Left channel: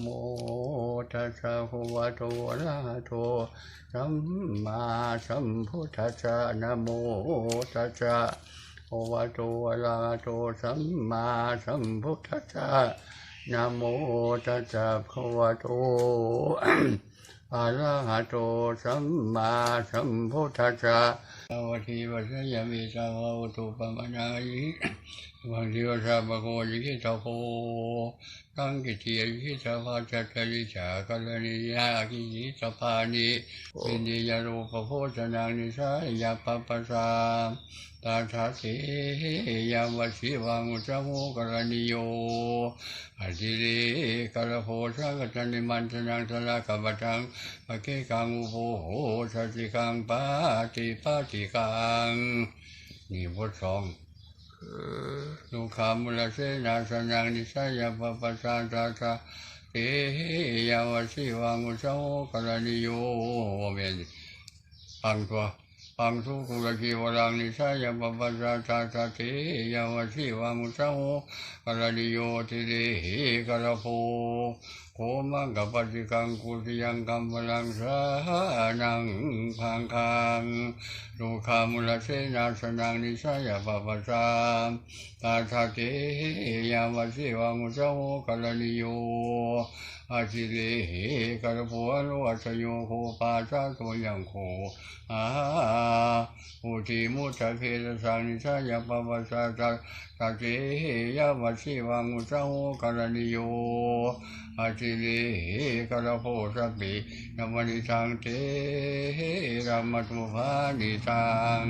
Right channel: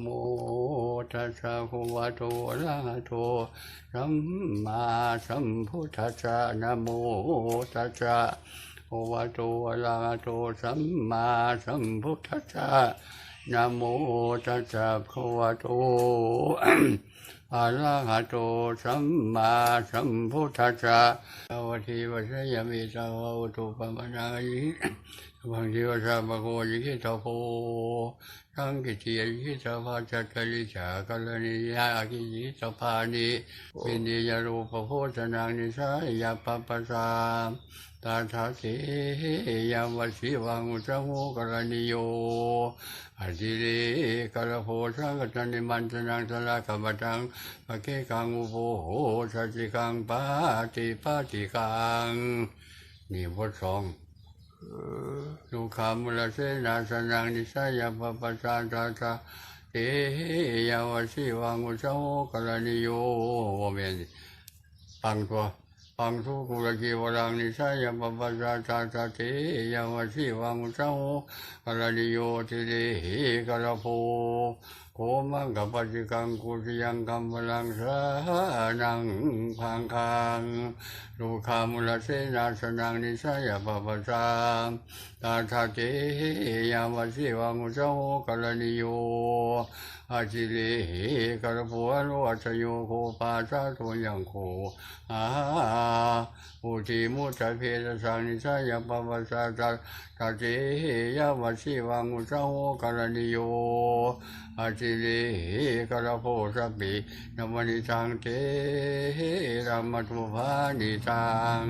โมตัสสะภะวะโตอะระหะโตสัมมาสัมพุทธัสสะนะโมตัสสะภะวะโตอะระหะโตสัมมาสัมพุทธัสสะนะโมตัสสะภะวะโตอะระหะโตสัมมาสัมพุทธัสสะสวัสดีวัสยามิสาวะอุตุปมะนายิวังจิวสาบะโกยิกิตาโพ สังกิติยิกิตาภาจัตตลิจากลนิยากิจิตาภานิวินิยรูปโพชนานิสายาปปะสามตาชาเสยามวชิวังอุจโมกรณิโยอธิเรกระโพสังกตันนิมันตนังสลากบตังปะเกกังอุโภโหสัจจิกังปาติปาติกังนี่บทสอง ลูกขามุลเสนาสนังนิสายาปปะสานตาตาเตยาวชิวังอุจโมกรณิโยเมนปังตัวปังทุกุลกีวรังนิสายาปปะสานตาตาเตยาวชิวังอุจโมกรณิโยติเรหิกระโพโคมังกับปจิกังกุติยังกัมพลังสานังพังคังลูคามุลเสนาสนังนิสายาปปะสามตาทาเกยามวชิวังอุจโมกรณิโยอาจิเรหิกระโพอโลวัชโยโคปาชาโตยังโคอา อุทิมุตเพตสังนิสายังปปัสสะตาตาเกยาวชิวังอุสโหกรณิโยอาชิเลกระโพสปินวนิทังเตรามตุภานิทัง